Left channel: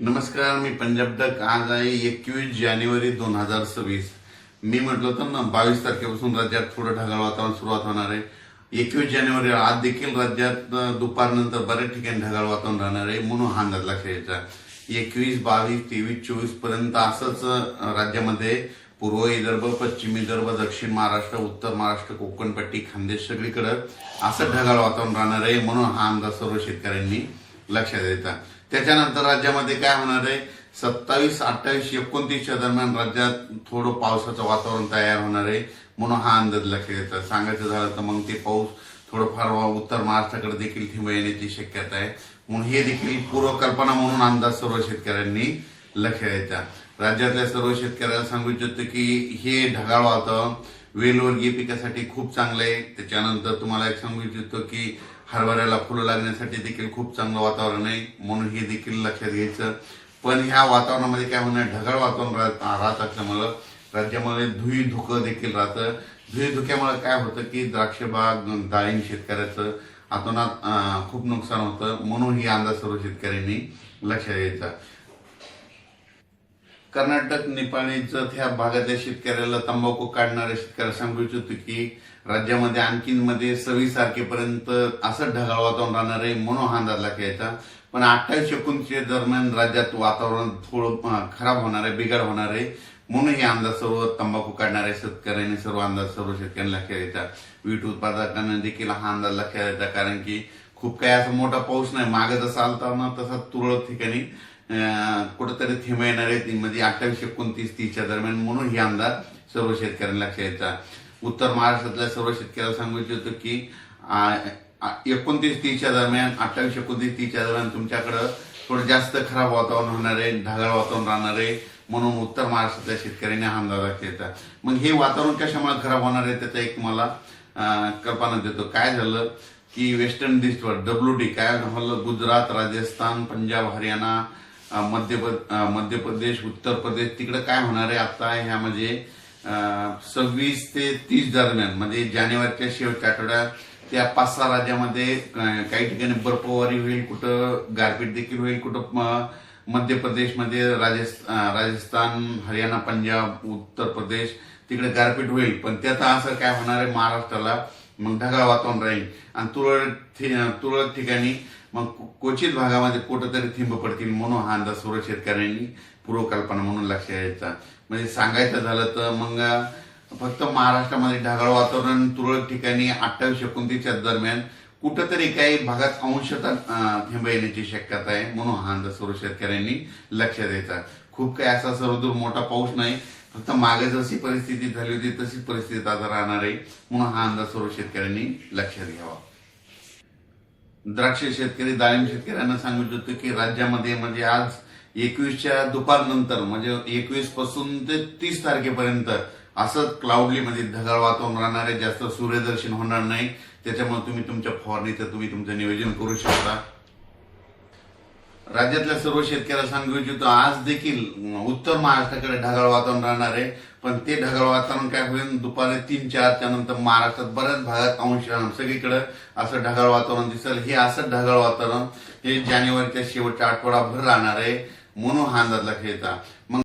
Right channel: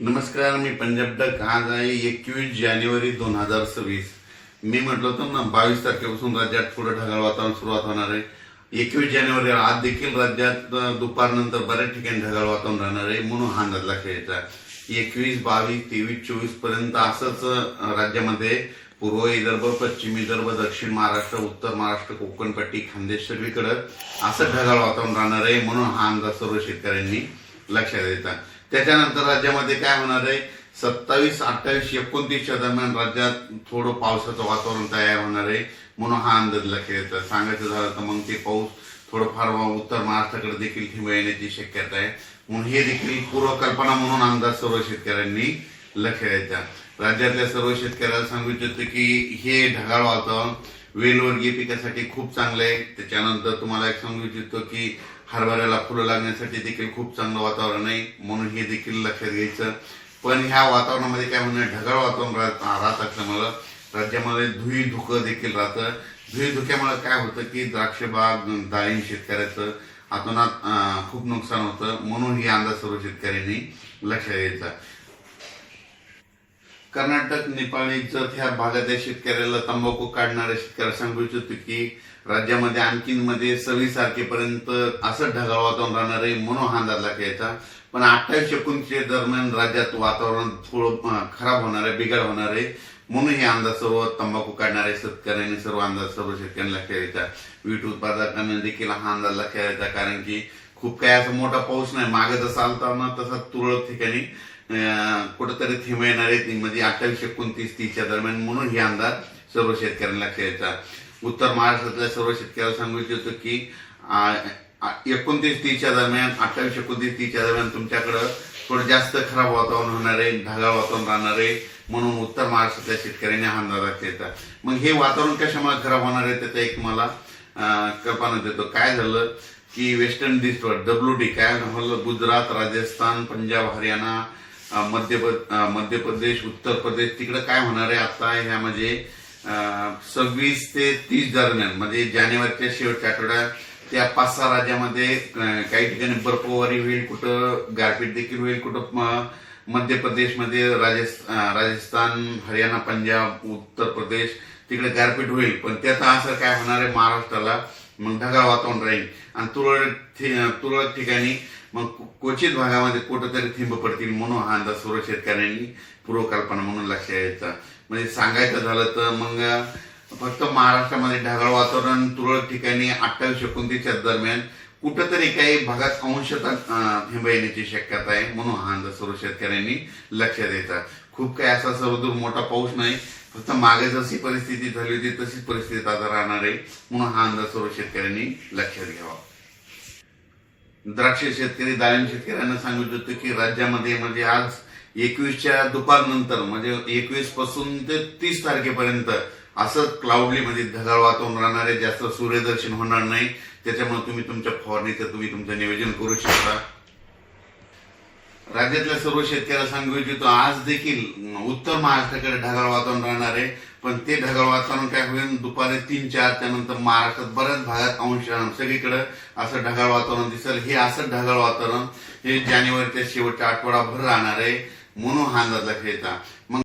नमस्कार, मी पंजाब डक. आज आहे 21 जानेवारी 2026. मी म्हटलं होतं ना 22 तारखेपासून राज्यात थोडं ढगाळ वातावरण सुरुवात होणार आहे. 21 जानेवारी आज देखील राज्यात दुपारनंतर बऱ्याच ठिकाणी ढगाळ वातावरण राहणार आहे, म्हणून हा अंदाज लक्षात घ्यायचा. 21, 22, 23, 24 पर्यंत असंच राज्यामध्ये पूर्व विदर्भ, पश्चिम विदर्भ, दक्षिण महाराष्ट्र, उत्तर महाराष्ट्र, कोकणपट्टी, खानदेश सगळीकडे असं ढगाळ वातावरण राहणार आहे, म्हणून हा अंदाज सर्व शेतकऱ्यांनी लक्षात द्यायचा. त्याच्यानंतर राज्यामध्ये काय होणार आहे, 27, 28, 29च्या दरम्यान राज्यात थोडं पावसाचं वातावरण तयार होणार आहे, म्हणून हा अंदाज लक्षात येतो. सांगायचं झालं तर मग ते पाऊस थोडंफार उत्तर महाराष्ट्राकडे देखील ठिंब येण्याची शक्यता आहे, म्हणून हे देखील पूर्वकल्पना म्हणून अंदाज सर्व शेतकऱ्यांनी लक्षात द्यायचा. राज्यातल्या सर्व शेतकऱ्याला सांगू इच्छितो की हे ढगाळ वातावरण वेलवर्गीय पिकासाठी खूप चांगलं आहे. त्याच्यानंतर तुम्हाला एक सांगू इच्छितो की हरभऱ्याला फुलं लागण्यासाठी देखील खूप चांगलं वातावरण आहे, म्हणून हे देखील लक्षात घ्यायचं. पण ह्या वातावरणामध्ये काय म्हणणं, ढगाळ वातावरण राहत असल्यामुळं राज्यामध्ये धुई धुकं देखील राहतं. धुई धुक्यामुळे काय होतं की द्राक्ष बाग, डाळिंब शेतकऱ्याचं अतोनात खूप नुकसान होतं, म्हणून ही अंदाज सर्व शेतकऱ्यांनी लक्षात घ्यायचा. कर्नाटक, नेपाळी जत ह्या भागातल्या शेतकऱ्याला, तंबाखू काढणाऱ्या शेतकऱ्याला सांगू इच्छितो की राज्यामध्ये आणखीन 26 तारखेपर्यंत असं ढगाळ वातावरण राहणार आहे, म्हणून हा अंदाज लागायचा. पण 28, 29 दरम्यान राज्यात वातावरण थोडं खराब होणार आहे, बिघाड होणार आहे, म्हणून हे अंदाज सर्व तंबाखू काढणाऱ्या शेतकऱ्यांनी सर्व अंदाज सर्व शेतकऱ्यांना लक्षात घ्यायचा. वीट उत्पादकांना देखील हा अंदाज लक्षात घ्यायचा, कारण की खूप काही असा मोठा पाऊस नाही, मागे जसा आलता ना तसा तुरळक ठिकाणी कुठेतरी थेंब येणार आहे, म्हणजे 28, 29, 30च्या दरम्यान, म्हणून हे अंदाज सर्व शेतकऱ्यांना लक्षात घ्यायचा. उत्तर महाराष्ट्रातल्या सर्व शेतकऱ्याला सांगू इच्छितो की 29, 30च्या दरम्यान, 28, 29, 30च्या दरम्यान तुमच्याकडं थोडं जास्त खराब वातावरण होणार आहे, ढगाळ वातावरण राहणार आहे, म्हणून उत्तर महाराष्ट्रातल्या शेतकऱ्यांनी हा अंदाज लक्षात घ्यायचा. मग हे वातावरण कशामुळे खराब होणार आहे त्याचा एक तुम्हाला कल्पना देतो. काय झालं की वेस्टर्न डिस्टर्ब WD काय झालं, गुजरात, राजस्थान, पंजाब, हरियाणा, मध्य प्रदेश, उत्तर प्रदेश, तिकडे काय होणार आहे आता ह्यामध्ये 26 ते 30 दरम्यान, म्हणजे जानेवारीच्या शेवटच्या आठवड्यात त्या 5-6 राज्यामध्ये काही ठिकाणी बर्फवारी होईल, कुठं गारपीट देखील होईल, कुठं मध्य प्रदेशमध्ये, राजस्थान, हरियाणा, पंजाब, उत्तर प्रदेश तिकडे गारपीट होईल. पण त्याचा असर काय होणार आहे महाराष्ट्राला, मग ढगाळ वातावरण राहील आणि तुरळक ठिकाणी मग क्वचित भागामध्ये कुठंतरी थिंब पडतील, म्हणून हा अंदाज सर्व शेतकऱ्यांनी पूर्वकल्पना म्हणून लक्षात घ्यायचा. म्हणजे सांगायचं झालं तर मग फक्त महाराष्ट्रामध्ये ढगाळ वातावरण तुरळक ठिकाणी 28, 29च्या दरम्यान कुठंतरी काही भागात अंशतः थिंब येण्याची शक्यता आहे, म्हणून हा अंदाज सर्व शेतकऱ्यांनी लक्षात द्यायचा. खूप काही असा सर्वदूर मोठा पाऊस नाही, फक्त मागे जशी परिस्थिती झाली होती तशीच परिस्थिती आता राहणार आहे, म्हणून हा अंदाज सर्व शेतकऱ्यांनी लक्षात घ्यावा. द्राक्ष शेतकरी, डाळिंब शेतकऱ्यांना सांगू इच्छितो की राज्यामध्ये म्हणजे आज 21च्या दुपारनंतर, म्हणजे 21 पासून ते 30 तारखेपर्यंत असं क्लाउडली म्हणजे ढगाळ वातावरण राहणार आहे, जास्त सूर्यदर्शन होणार नाही, त्याच्यामुळे तुम्ही तुमच्या फवारणीचं तुमचं नियोजन करू शकता. राज्यातल्या सर्व शेतकऱ्याला सांगू इच्छितो आज देखील उत्तर महाराष्ट्राकडे ढगाळ वातावरण राहणार आहे, पण ते ढगाळ वातावरण काय होईल, दुपारी 3-4च्या नंतर महाराष्ट्रात बऱ्याच भागात सगळीकडे असं ढगाळ वातावरण दिसेल. हे असं ढगाळ वातावरण हे जानेवारीच्या शेवटच्या आठवडाभर राहणार आहे, म्हणून हा अंदाज लक्षात घ्यायचा.